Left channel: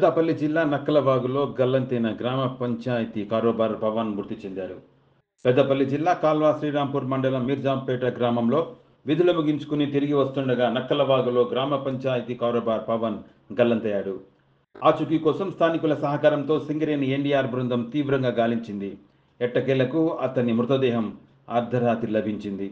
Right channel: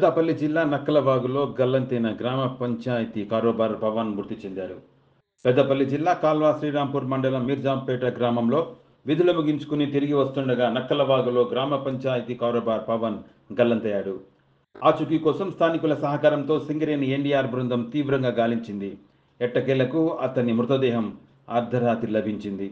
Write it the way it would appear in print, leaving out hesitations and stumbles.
పెద్దపల్లి జిల్లా నక్కలవాగులో గల్లంతైన గ్రామ పంచాయతీ కారోబార్ పవన్ మృతి చెందారు. పెద్దపల్లి జిల్లా కాల్వ శ్రీరాంపూర్ మండలం మీర్జాంపేట గ్రామంలో విధులు ముగించుకుని తిరిగి వస్తుండగా నక్కలవాగులో గ్రామ పంచాయతీ కారోబార్ పవన్ గల్లంతయ్యాడు. ఆచూకీ కోసం స్థానికుల సహకారంతో సింగరేణి ఎన్డీఆర్ బృందం తీవ్రంగా గాలించింది. ఎట్టకేలకు అతని మృతదేహం అర్ధరాత్రి లభించింది.